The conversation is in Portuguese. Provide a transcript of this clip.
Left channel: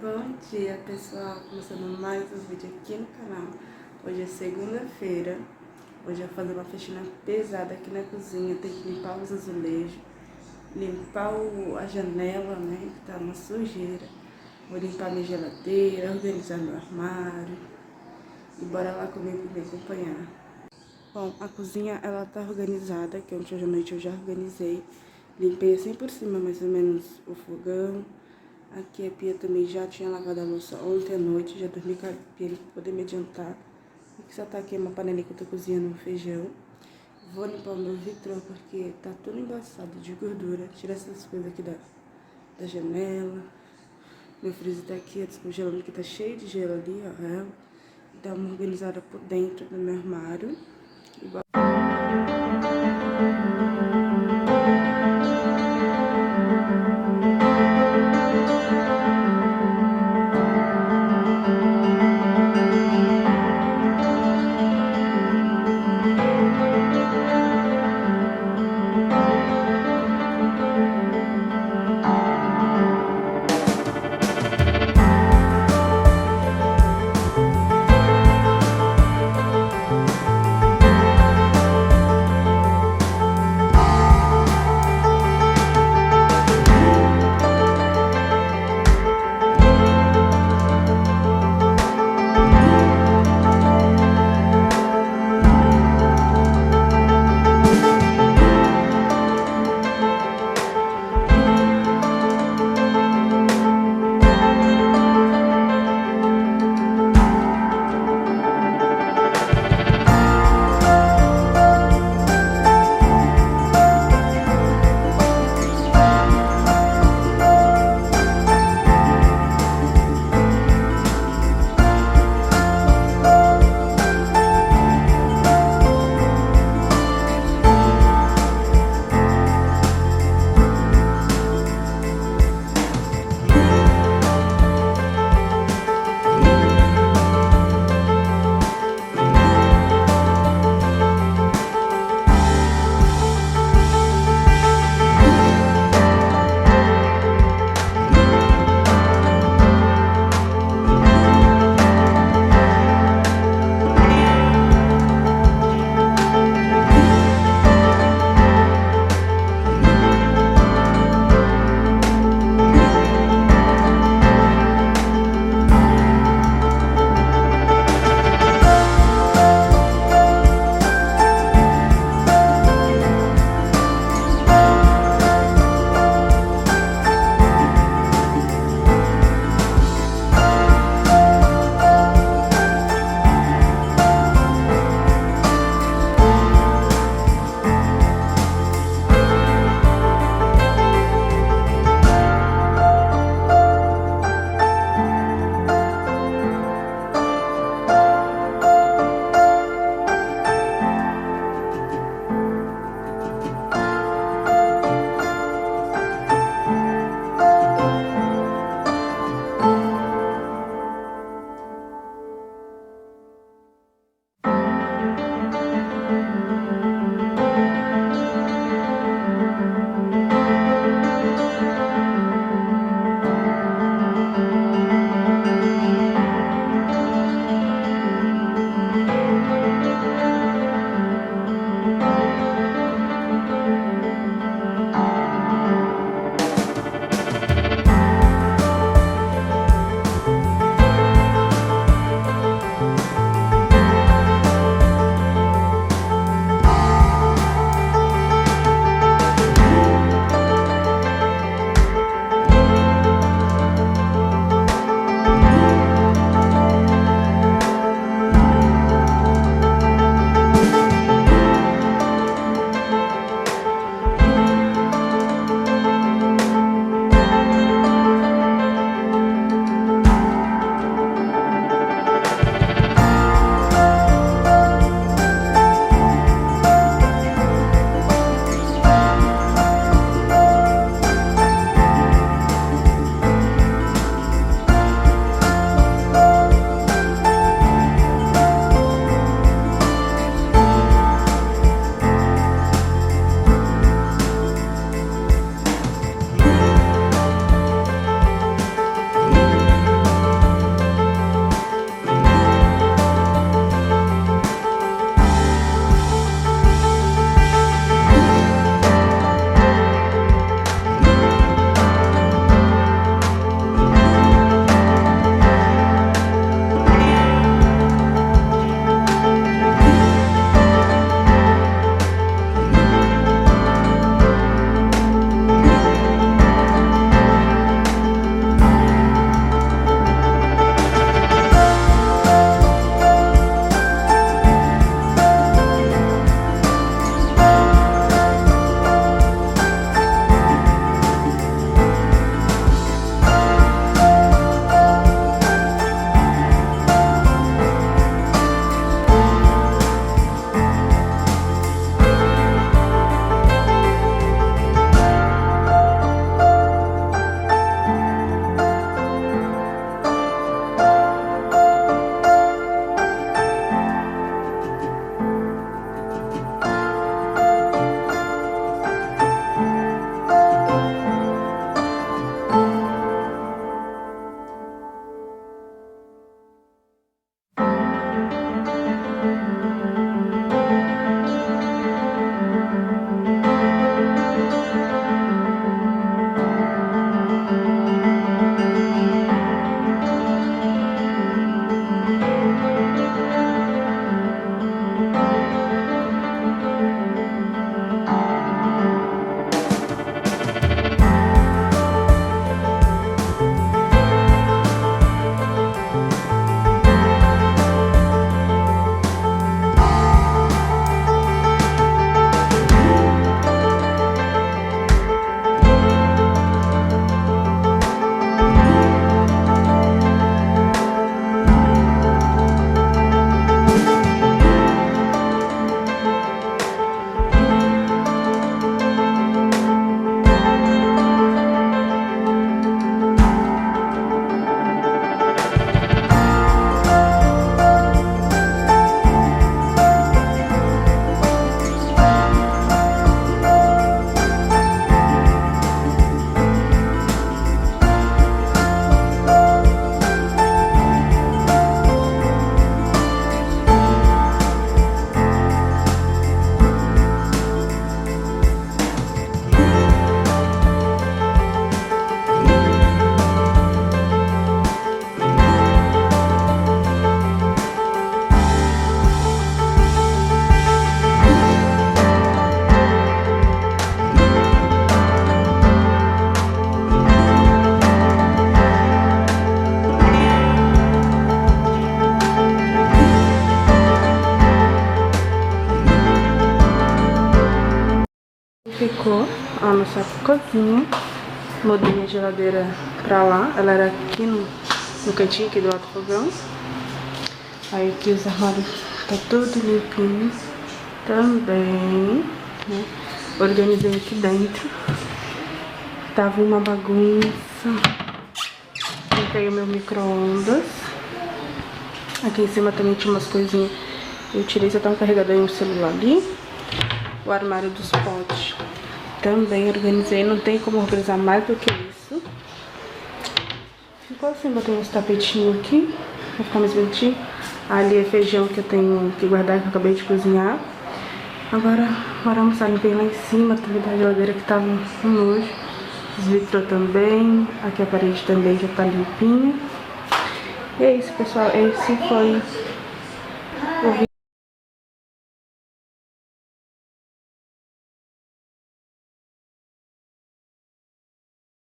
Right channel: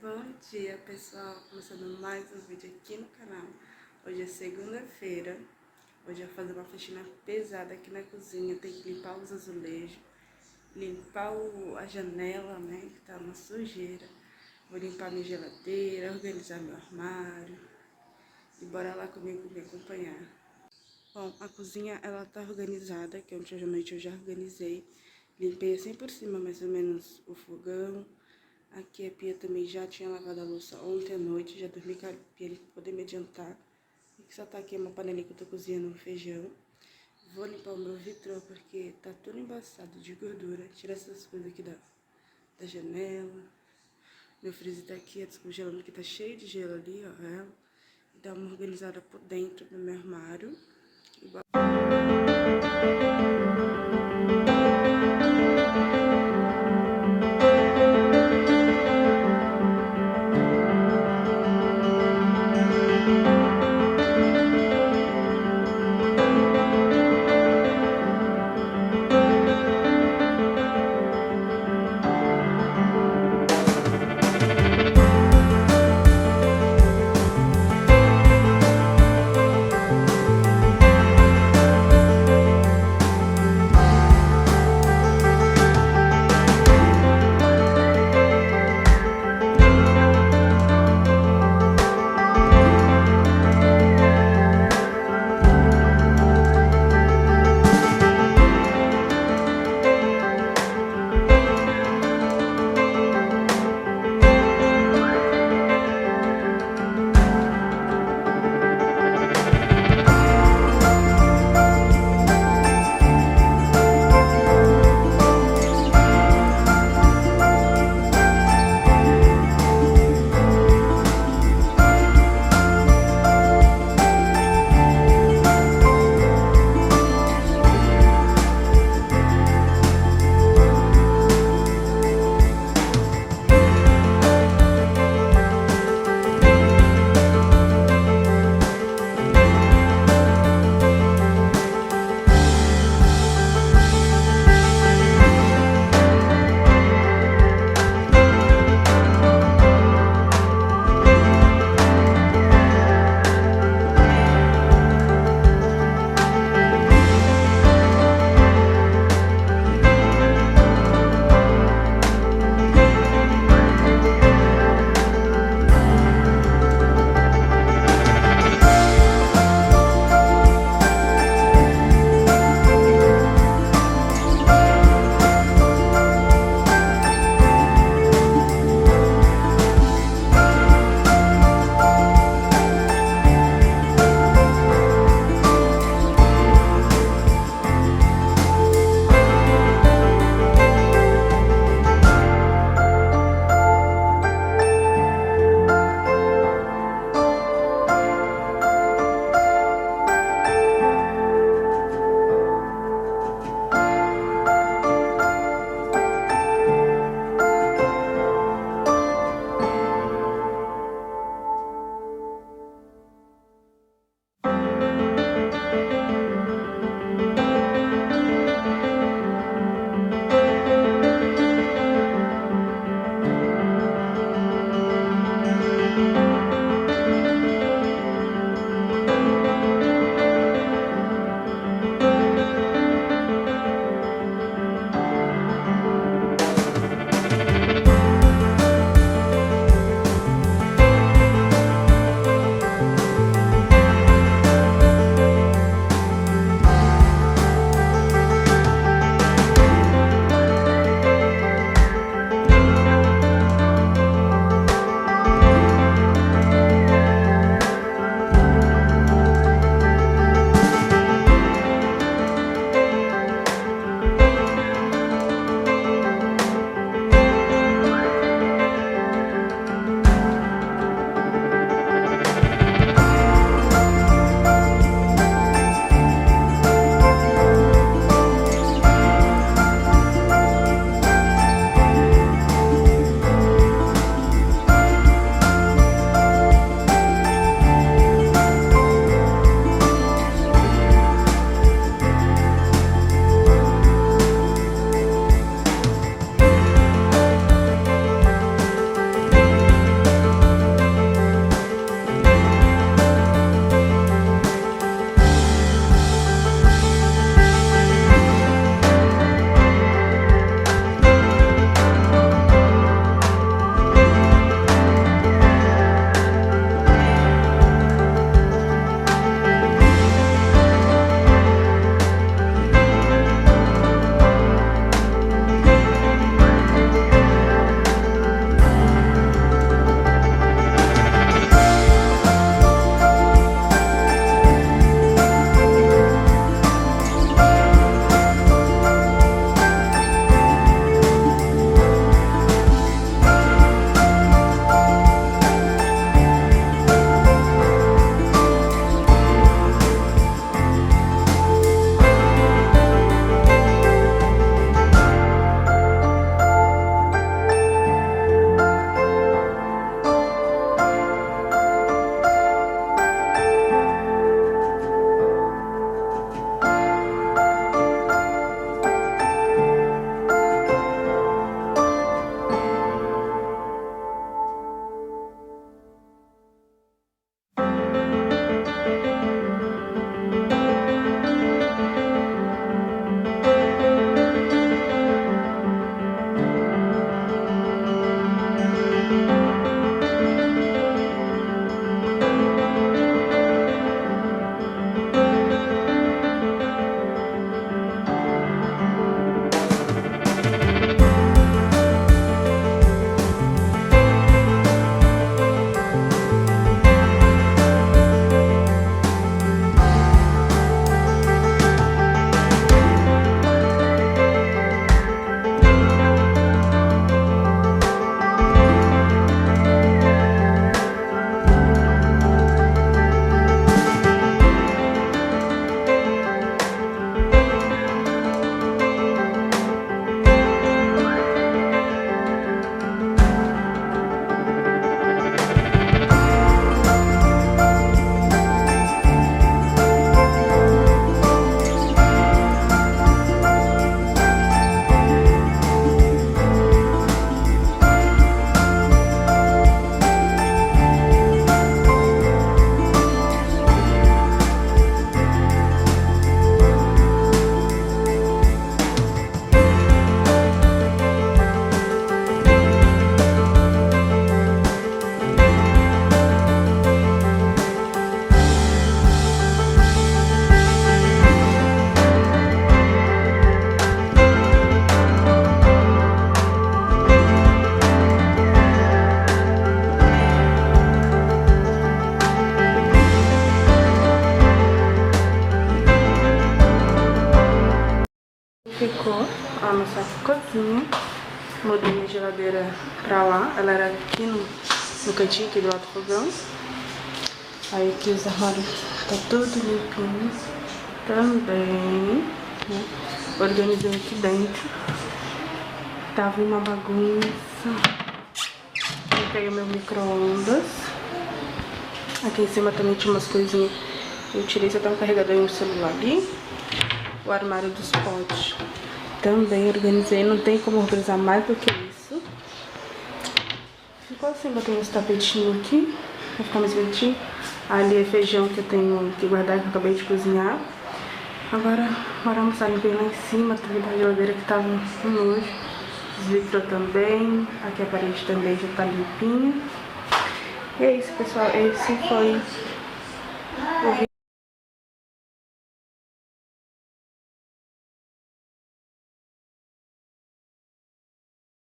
Bom dia, pessoal, começando mais um vídeo aqui no canal. Hoje é segunda-feira. Hoje eu vou fazer uma faxina pesada aqui na cozinha. Tem que limpar os azulejos, limpar a janela, né, que tá uma sujeira. Vou limpar minha geladeira, organizar meu armário. E bora lá comigo me acompanhar. Bom, a cozinha, ela tá organizada, que ontem à noite eu já organizei. Limpei assim por cima, mais ou menos, o fogão. Aqui a pia também já tinha lavado a louça ontem à noite, já dormi com a pia pra poder me adiantar. Aqui só tá aqui uma panelinha que eu tô cozinhando feijão. Vou limpar o meu vitrô porque tá tudo embaçado de gordura. Tirar essas coisas aqui da janela. Meu freezer tá aqui, descongelando, que tá cheio de gelo ali, ó. Dá uma organizada por dentro do meu armário. ficou a nossa cozinha. Mudei a geladeira pra lá. Ela era aqui no cantinho aqui do alto fogão. Aí aqui os armários tá tudo limpinho também, né? Organizei aqui dentro. Tava uma bagunça. Limpei o meu micro-ondas. Aqui em cima também tinha umas coisinhas. Eu tirei, só tava carregador e um celular ali. O armário dos potes também organizei. Não tem como organizar mais do que isso. Ficou assim, botei uns tapetinhos aqui pra ficar mais bonitinho. Ali é feijão que eu tenho que guardar, que eu acabei de cozinhar. Agora, bora almoçar. Limpei lá em cima, também da geladeira que tava um nojo. Os vidros também. Aqui a parede também já tá limpinha. E é isso, pessoal. Esse foi o vídeo.